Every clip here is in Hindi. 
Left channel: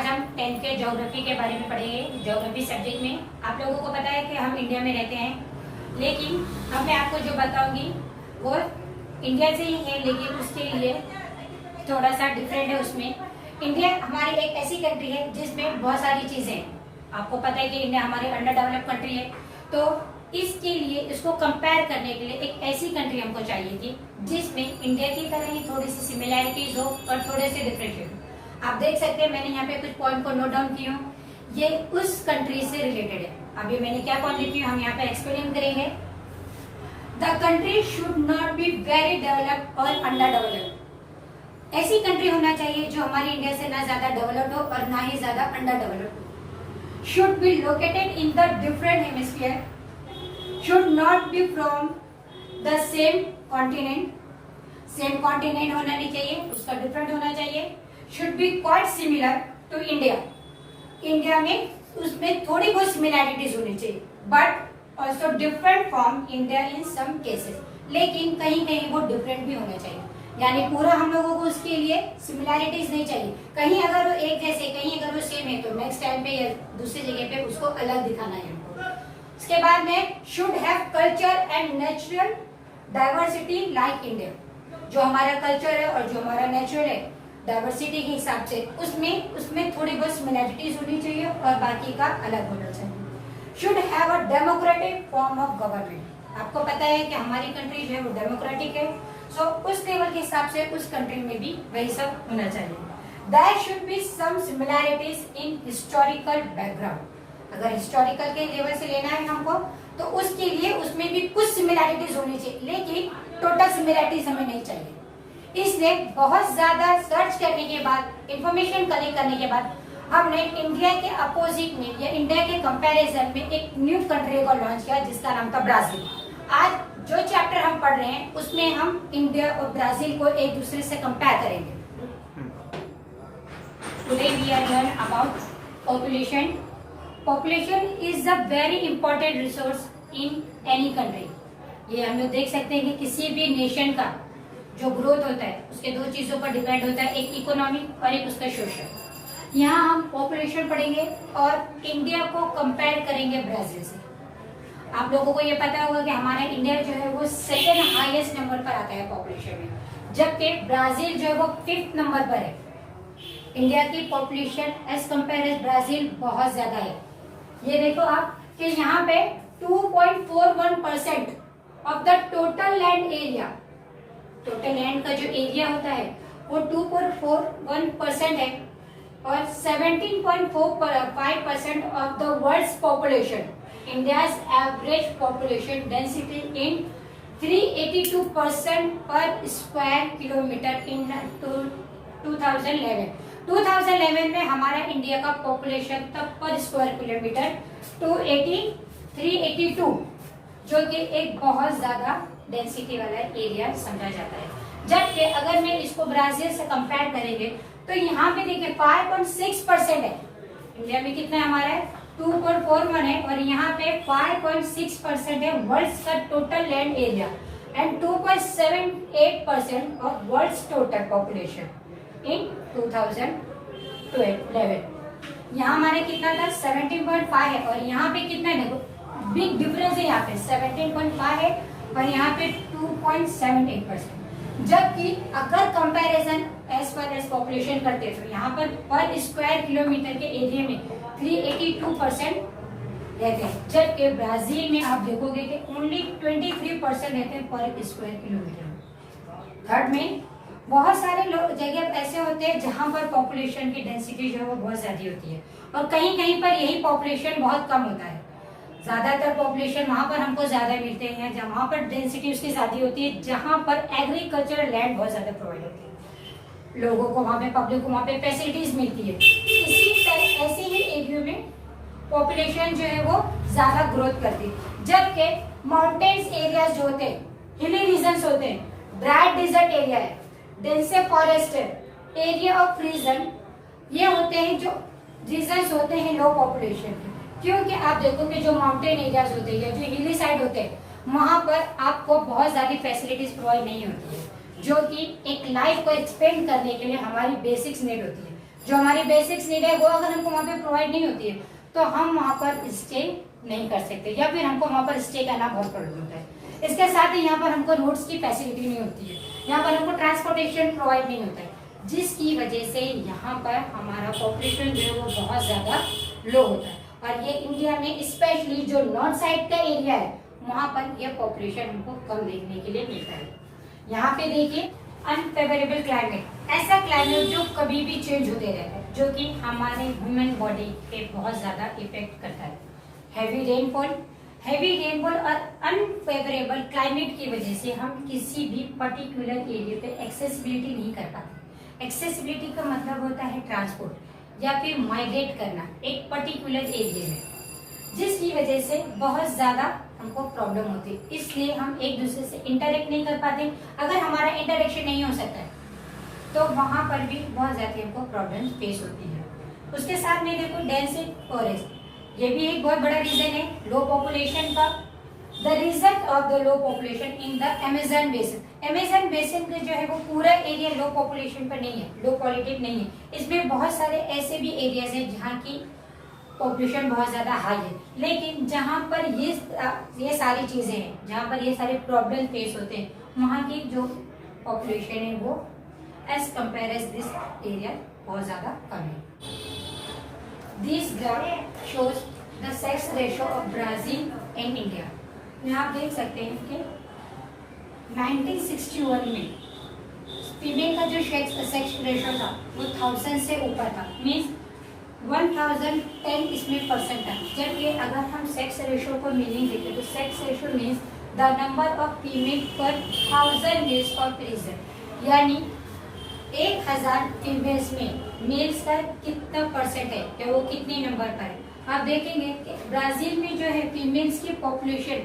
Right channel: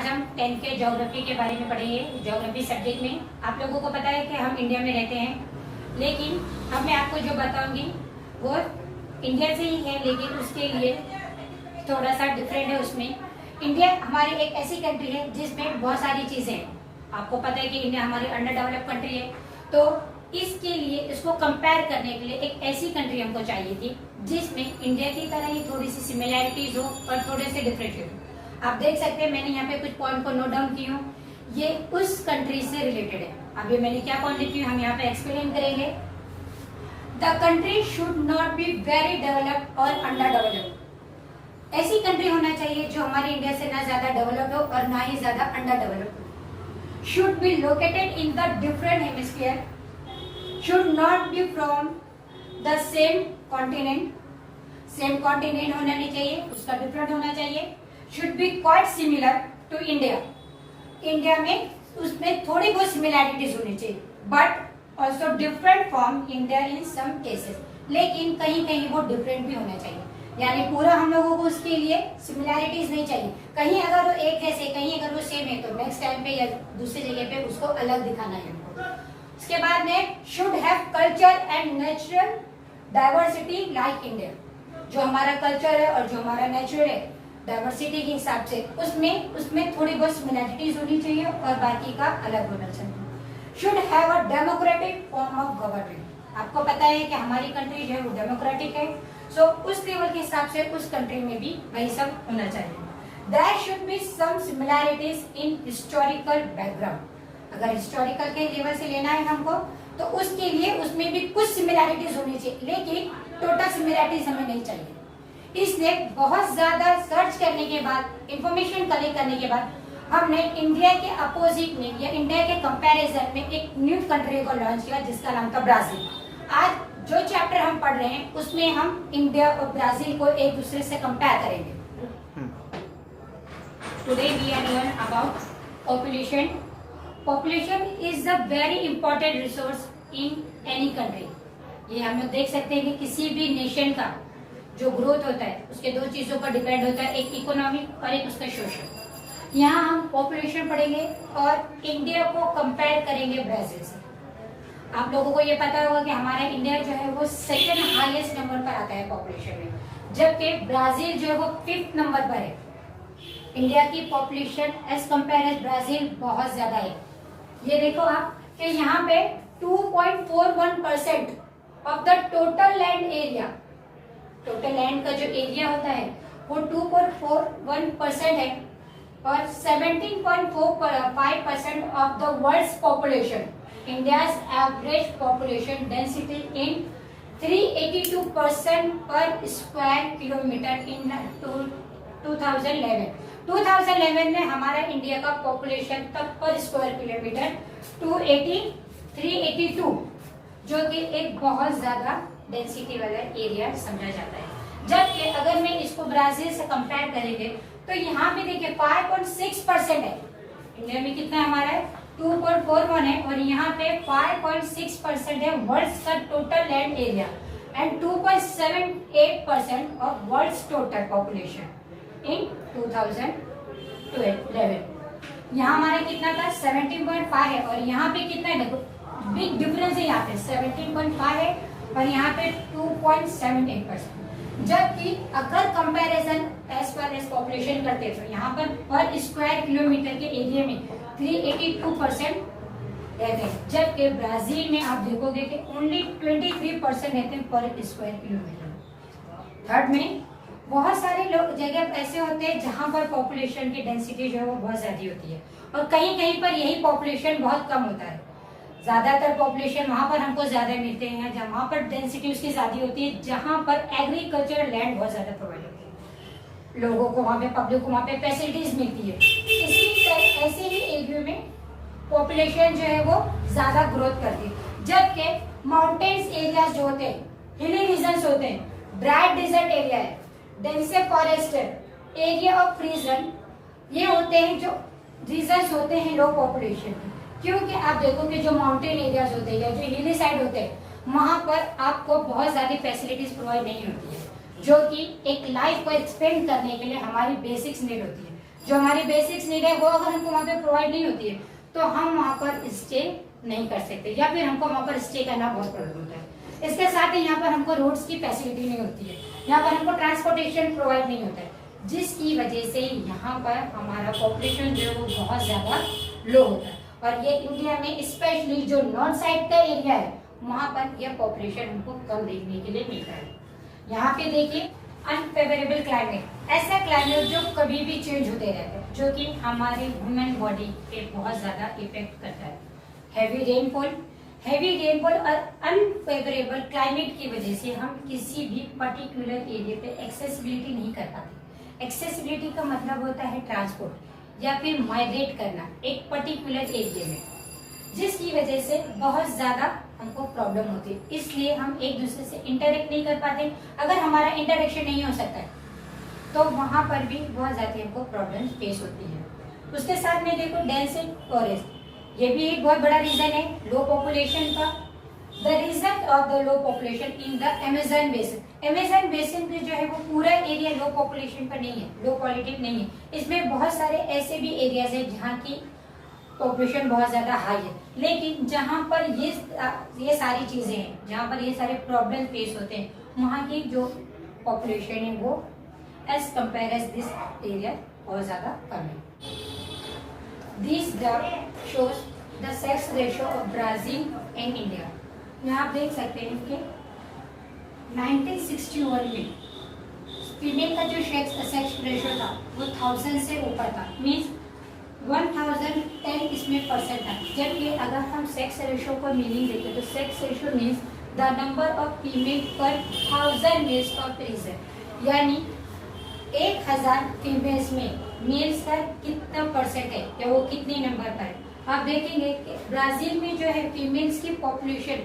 आज हम 10th के ज्योग्राफी के बारे में पढ़ेंगे। ज्योग्राफी सब्जेक्ट में आप लोगों को पता है कि हम इंडिया में रहते हैं, लेकिन अब मैं आपको जो बताऊंगी वो इंडिया से ही है, लेकिन उसके लिए थोड़ा सा डिफरेंट है। उसमें इंडिया हमारी एक ऐसी कंट्री है जिसमें बहुत सारी चीजें हैं। आपको पता है कि इंडिया हमारी अंडर डेवलप कंट्री है, तो इसके लिए इसको कंपेयर करने के लिए एक ऐसी कंट्री हमको चाहिए थी जिसमें इंडिया की तरह ही थोड़ी सी सिमिलैरिटीज हो और थोड़े से डिफरेंट हो। आप देख सकते हैं मैंने यहाँ पे कुछ पॉइंट को नोट डाउन की हूँ, ये उस कंट्री से रिलेटेड है। अभी मैंने क्या पॉइंट लिखी हूँ हम यहाँ पे एक्सप्लेन करेंगे। The country should not be very developed और अंडर डेवलप्ड। ऐसी कंट्री होना चाहिए जो हमारी इंडिया से ना ज्यादा डेवलप्ड हो और ना ही ज्यादा अंडर डेवलप्ड हो। Should be located in the different hemisphere, should not be from the same continent, same continent होना नहीं चाहिए, उसका डिफरेंट होना चाहिए। should be quite similar to India, India में उसमें थोड़ी बहुत सिमिलैरिटीज होनी चाहिए, but also different from India in some cases, लेकिन कहीं कहीं वो डिफरेंट भी होना चाहिए। यानी पूरा हम लोगों को उसके लिए सिमिलैरिटीज नहीं चाहिए, कहीं अगर वो एक है से कहीं अगर वो सेम है तो नेक्स्ट टाइम पे या दूसरी जगह पे उसको अलग दिखाना है हमको। इसके बाद में should have culture and natural diversity like India, जो हमारा कल्चर है और जो हमारा नेचुरल है डाइवर्सिटी के हिसाब से उसमें थोड़ी बहुत सिमिलैरिटीज होनी चाहिए और बाकी का अलग होना चाहिए। Should have a democratic form of government, आपको पता है कि हमारी कंट्री जो है वो डेमोक्रेटिक है, सो उस लेवल के हिसाब से उस कंट्री में भी वही सब होना चाहिए। There should be some similarities in historical background, अगर हिस्टोरिकल के लेवल से लेना है हमको तो उसके लिए उसमें भी कुछ सिमिलैरिटीज होनी चाहिए, लेकिन टोटल सिमिलैरिटीज हमें नहीं चाहिए। इसलिए बहुत ज्यादा सर्च करने के बाद, इंफॉर्मेशन कलेक्ट करने के बाद हमने इंडिया के अपोजिट में या इंडिया के कंपैरिजन में एक न्यू कंट्री को लॉन्च किया जिसका नाम था ब्राजील। आज जो चैप्टर हम पढ़ रहे हैं उसमें हम इंडिया और ब्राजील को एक दूसरे से कंपेयर करेंगे। Today we are learn about population. Population is a very important resource in any country. ये हम लोग देख सकते हैं कि किसी भी नेशन का जो ग्रोथ होता है उसके दो चीजों पर डिपेंड होता है, एक इकोनॉमिक और एक उसका सोशल। यहाँ हम पॉपुलेशन पढ़ेंगे और इंडिया को कंपेयर करेंगे ब्राजील से। आप लोगों को ये पता होगा कि हमारा इंडिया जो है वो सेकेंड हाईएस्ट नंबर पर आता है पॉपुलेशन में, जबकि ब्राजील जो है वो 5th नंबर पर है। इंडिया की population as compare as Brazil बहुत ज्यादा है। ये देखो आप कि यहाँ पे 2.41% of the total land area, total land का जो एरिया होता है वो 2.41% है और 17.45% of the world's population. India's average population density in 382% per square kilometre इन 2011। 2011 में हमारा इंडिया का पॉपुलेशन तब पर स्क्वायर किलोमीटर 382, जो कि एक बहुत ज्यादा डेंसिटी वाला एरिया समझा जाता है। जबकि अगर मैं इसको ब्राजील से कंपेयर करेंगे तो यहाँ पे देखिए 5.6% है। इंडिया में कितना हमारा है 2.41 है और यहाँ पे 5.6% है वर्ल्ड का total land area and 2.78% of world total population in 2011। यहाँ हमारा कितना था 17.5 है और यहाँ पे कितना है, देखो बिग डिफरेंस है, यहाँ पे 17.5 है और यहाँ पे 2.78%। जबकि अगर comparison as per as population करते तो यहाँ पर स्क्वायर किलोमीटर के एरिया में 382% रहते हैं, जबकि ब्राजील में आप देखोगे कि ओनली 23% रहते हैं पर स्क्वायर किलोमीटर। थर्ड में बहुत सारे लोग जगह ऐसे होते हैं जहां पर पॉपुलेशन की डेंसिटी जो है वो बहुत ज्यादा होती है और कहीं कहीं पर यही पॉपुलेशन बहुत कम होता है। ज्यादातर पॉपुलेशन वहां पर हमको ज्यादा मिलते हैं जहां पर डेंसिटी उसकी ज्यादा होती है, जहां पर एग्रीकल्चरल लैंड बहुत ज्यादा प्रोवाइड होती है, लोगों को वहां पे, पब्लिक को वहां पे फैसिलिटीज मिलती है। इसी तरह ऐसे ही एरिया में पॉपुलेशन जो है वो ज्यादा ग्रोथ करती है। जबकि माउंटेन्स एरिया जो होते हैं, हिली रीजन होते हैं, ड्राई डिजर्ट एरिया है, डेंसे फॉरेस्ट एरिया ऑफ रीजन, ये होते हैं जो रीजन होते हैं लो पॉपुलेशन के। क्योंकि आप देखोगे जो माउंटेन एरियाज होते हैं या जो हिली साइड होते हैं वहां पर आपको बहुत ज्यादा फैसिलिटीज प्रोवाइड नहीं होती है, जो कि एक लाइफ को एक्सपेंड करने के लिए हमारी बेसिक्स नीड होती है। जो हमारी बेसिक्स नीड है वो अगर हमको वहाँ पे प्रोवाइड नहीं होती है तो हम वहाँ पर स्टे नहीं कर सकते, या फिर हमको वहाँ पर स्टे करना बहुत प्रॉब्लम होता है। इसके साथ ही यहाँ पर हमको रोड्स की फैसिलिटी नहीं होती है, यहाँ पर हमको ट्रांसपोर्टेशन प्रोवाइड नहीं होता है, जिसकी वजह से यहाँ पर हमारा पॉपुलेशन जो है वो बहुत ज्यादा लो होता है। और ये इंडिया में स्पेशली जो नॉर्थ साइड का एरिया है वहाँ पर यह पॉपुलेशन हमको कम देखने के लिए मिलता है। यहाँ पे देखिए अनफेवरेबल क्लाइमेट, ऐसा क्लाइमेट जो कभी भी चेंज होते रहता है, जो कि हमारे ह्यूमन बॉडी पे बहुत ज्यादा इफेक्ट करता है। हैवी रेनफॉल और अनफेवरेबल क्लाइमेट की वजह से हम किसी भी पर्टिकुलर एरिया पे एक्सेसिबिलिटी नहीं कर पाते। एक्सेसिबिलिटी का मतलब होता है ट्रांसपोर्ट या फिर माइग्रेट करना एक पर्टिकुलर एरिया में, जिसकी वजह से बहुत ज्यादा हमको प्रॉब्लम होती है। इसलिए हम एक दूसरे से इंटरेक्ट नहीं कर पाते। अगर हमारा इंटरेक्शन नहीं हो सकता है तो वहां पर भी बहुत ज्यादा हमको प्रॉब्लम फेस होती है। उसके साथ में देखो डेंस फॉरेस्ट, ये भी एक बहुत बड़ा रीजन है लो पॉपुलेशन का। The reason of the low population in the Amazon basin, Amazon basin का जो है वो पूरा एरिया लो पॉपुलेशन पर नहीं है, लो पॉल्यूटेड नहीं है। इसमें बहुत सारे ऐसे भी एरियाज है जहाँ की पॉपुलेशन बहुत ज्यादा हाई है, लेकिन जहाँ पर ये सारी चीजें हैं, जहाँ पर ये सारे प्रॉब्लम फेस होते हैं, वहाँ की जो पॉपुलेशन है वो as compare as this area बहुत ज्यादा कम है। This graph shows the sex ratio of Brazil and India. यहाँ आप देख सकते हैं कि 1961 में फीमेल का जो सेक्स रेशियो था वो 1000 से ऊपर था, मीन्स 1010 इसमें परसेंट था। जबकि अगर हम सेक्स रेशियो का मीनिंग देखें तो sex ratio means the number of female पर 1000 मेल्स पर प्रेजेंट, यानी 1000 फीमेल्स में मेल्स का कितना परसेंट है या वो कितने नंबर पर है। आप देखेंगे कि ब्राजील में जो है फीमेल्स की पॉपुलेशन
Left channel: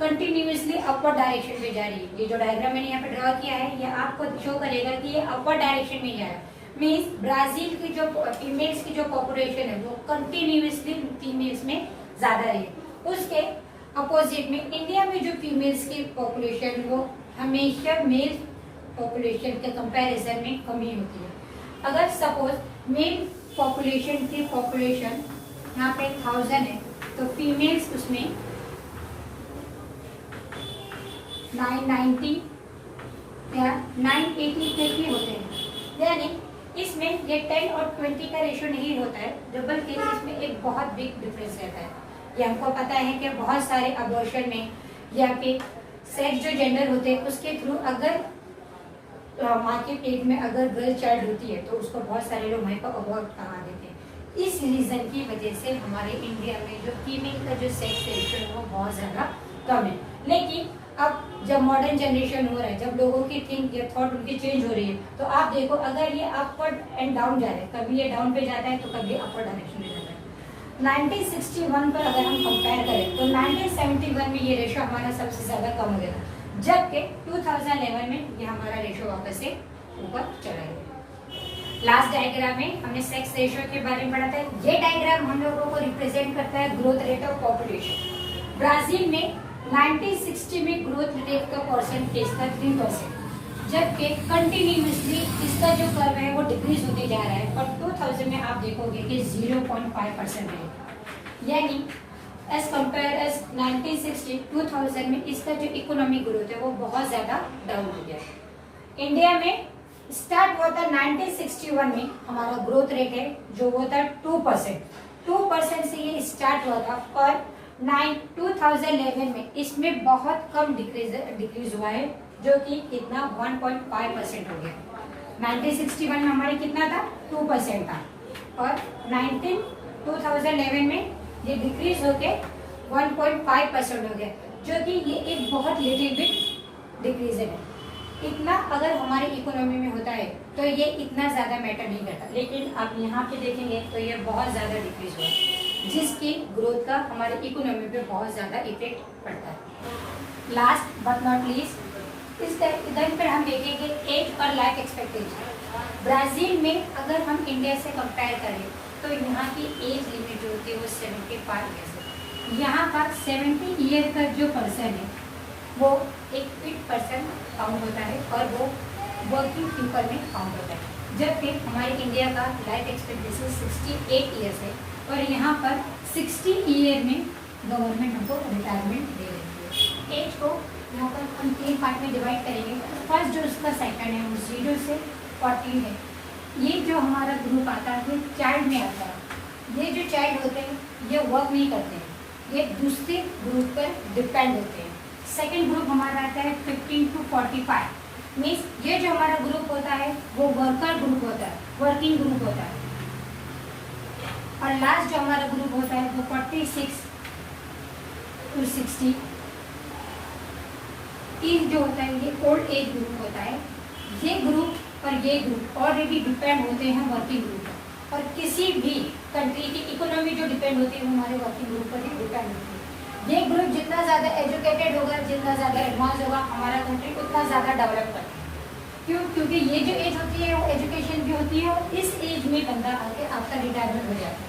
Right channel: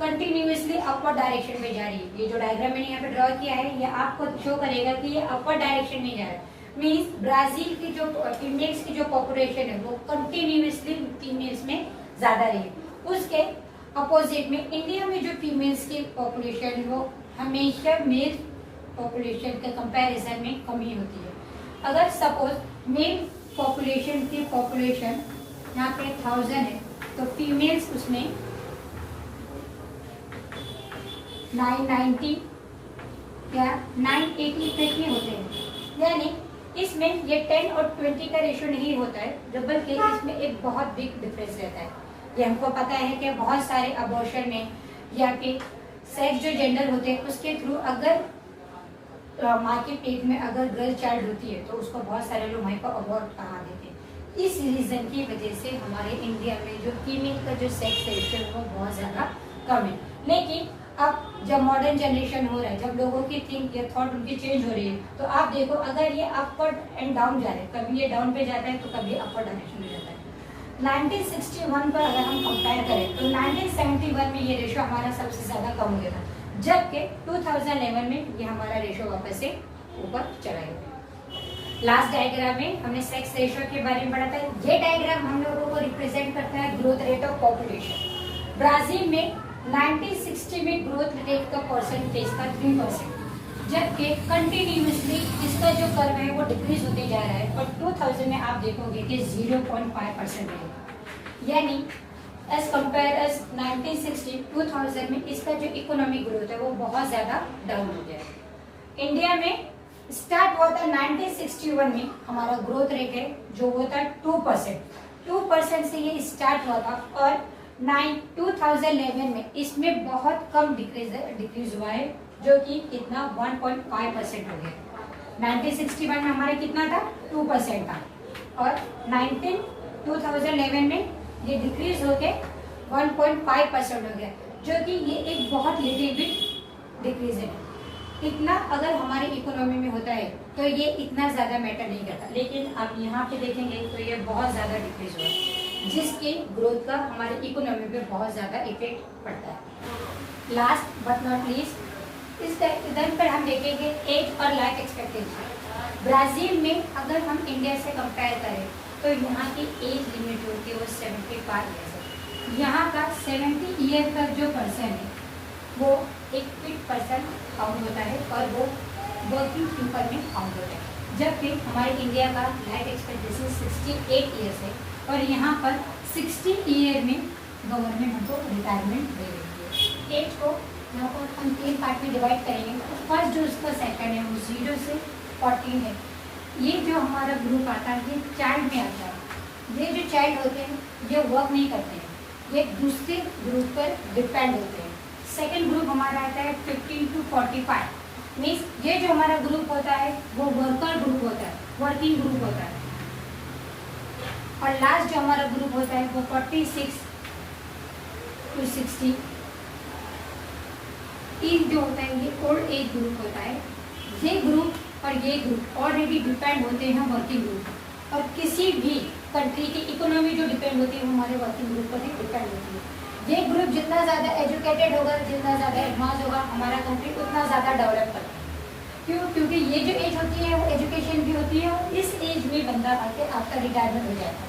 कंटिन्यूअसली अपर डायरेक्शन में जा रही है। ये जो डायग्राम मैंने यहाँ पे ड्रॉ किया है ये आपको शो करेगा कि ये अपर डायरेक्शन में जा रहा है, मीन्स ब्राजील की जो फीमेल्स की जो पॉपुलेशन है वो कंटिन्यूअसली फीमेल्स में ज्यादा रही है। उसके अपोजिट में इंडिया में जो फीमेल्स की पॉपुलेशन वो हमेशा मेल पॉपुलेशन के कंपैरिजन में कमी होती है। अगर सपोज मेल पॉपुलेशन की पॉपुलेशन यहाँ पे 1000 है तो फीमेल्स उसमें 990 या 980 तक ही होते हैं, यानी इसमें ये 10 और 20 का रेशियो नहीं होता है, बल्कि इसमें एक बहुत बिग डिफरेंस रहता है। ये हमको पता है कि बहुत सारे अबॉर्शन में या फिर सेक्स जो जेंडर होते हैं उसके थ्रू अगर माँ के पेट में अगर गर्ल चाइल्ड होती है तो उसको बहुत सारे लोग वहीं पर अबॉर्ट करा देते हैं। इस रीजन की वजह से हमारे इंडिया में जो फीमेल का जो सेक्स रेशियो है वो बहुत ज्यादा कम है। लेकिन अब जब मॉडर्न जनरेशन हो रहा है, जब लोगों की थिंक या थॉट उनकी चेंज हो रही है, तो आप देखो अगर ये अपवर्ड एंड डाउन जा रहे हैं, कभी ये डाउन पे जाता है तो कभी अपर डायरेक्शन में जाता है। 1961 पर अगर हम कंपेयर करें तो 1971 में ये रेशो हमारा सबसे ज्यादा कम हो गया था, जबकि 2011 में ये हमारा रेशो वापस से ऊपर चला गया। लास्ट डायग्राम में हमने सेक्स रेशो के बारे में पढ़ा था। ये डायग्राम हम लोगों को रिप्रेजेंट करता है growth rate of population. Brazil में 1960 में ग्रोथ रेट का परसेंटेज था 3%, जबकि कंटिन्यूसली इसका जो कर्व है वो डिक्रीज होते जा रहा है, और 2000 में आप देखोगे कि 0.5% है, यानी एज कंपेयर एज 1960 2000 में इसका जो इकोनॉमिक ग्रोथ है वो बहुत ज्यादा डाउन हो गया है। इंडिया में स्टार्ट हुआ था 1961 में, हमारा ग्रोथ रेट है जो वो था 2% से ये स्टार्ट हुआ था, और 2011 में इसमें बहुत कम डिक्रीज हुआ है, जो कि कितना 1.5% हो गया। 1961 में हमारे कितना था 2% था, और 2011 में ये डिक्रीज होके 1.5% हो गया, जो कि ये एक बहुत लिटिल बिट डिक्रीज है। इतना अगर हमारी इकोनॉमी में होता है तो ये इतना ज्यादा मैटर नहीं करता, लेकिन आप यहाँ पे देखेंगे तो ये बहुत ज्यादा डिक्रीज हुआ, जिसकी ग्रोथ का हमारे इकोनॉमी पे बहुत ज्यादा इफेक्ट पड़ता है। लास्ट बट नॉट लीस्ट इस टाइम पर हम देखेंगे एज और लाइफ एक्सपेक्टेंसी। ब्राजील में अगर हम इंडिया से कंपेयर करें तो यहाँ की एज लिमिट होती है वो 75 ईयर्स है। यहाँ का 70 ईयर का जो पर्सन है वो एक फिट पर्सन काउंट होता है, और वो वर्किंग पीपल में काउंट होता है, जबकि हमारे इंडिया का लाइफ एक्सपेक्टेंसी 68 ईयर्स है और यहाँ पर 60 ईयर में गवर्नमेंट हमको रिटायरमेंट दे रही है। एज को यहाँ पर हम 3 पार्ट में डिवाइड करेंगे। फर्स्ट जो उसका सेकंड है 0 से 14 है। ये जो हमारा ग्रुप आता है ये चाइल्ड में आता है। ये जो चाइल्ड होते हैं ये वर्क नहीं करते हैं, ये दूसरे ग्रुप पर डिपेंड होते हैं। सेकंड ग्रुप हमारा आता है 15 to 45। मीन्स ये जो हमारा ग्रुप होता है वो वर्कर ग्रुप होता है, वर्किंग ग्रुप होता है। और लास्ट जो हमारा ग्रुप होता है वो 46 to 60 जो होता है ये ओल्ड एज ग्रुप होता है। ये ग्रुप और ये ग्रुप ऑलरेडी डिपेंड होते हैं वर्किंग ग्रुप पर। और किसी भी कंट्री की इकोनॉमी जो डिपेंड होती है वो हमारे वर्किंग ग्रुप पर ही डिपेंड होती है। ये ग्रुप जितना ज़्यादा एजुकेटेड होगा, जितना ज़्यादा एडवांस होगा, हमारा कंट्री उतना ज़्यादा डेवलप करता है। क्यों? क्योंकि ये जो एज होती है वो एजुकेशन की होती है और इस एज में बंदा आके आपका रिटायरमेंट हो जाता है।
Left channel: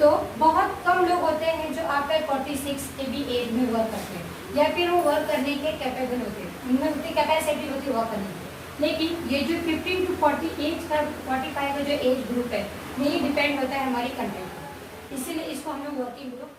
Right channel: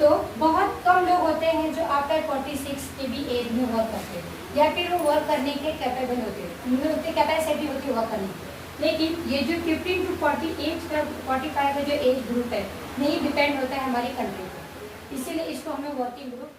तो बहुत कम लोग होते हैं जो आफ्टर 46 के भी एज में वर्क करते हैं या फिर वो वर्क करने के कैपेबल होते हैं, उनमें उतनी कैपेसिटी होती है वर्क करने की। लेकिन ये जो 15 to 48 का 45 का जो एज ग्रुप है यही डिपेंड होता है हमारी कंट्री पर, इसीलिए इसको हमें वर्किंग ग्रुप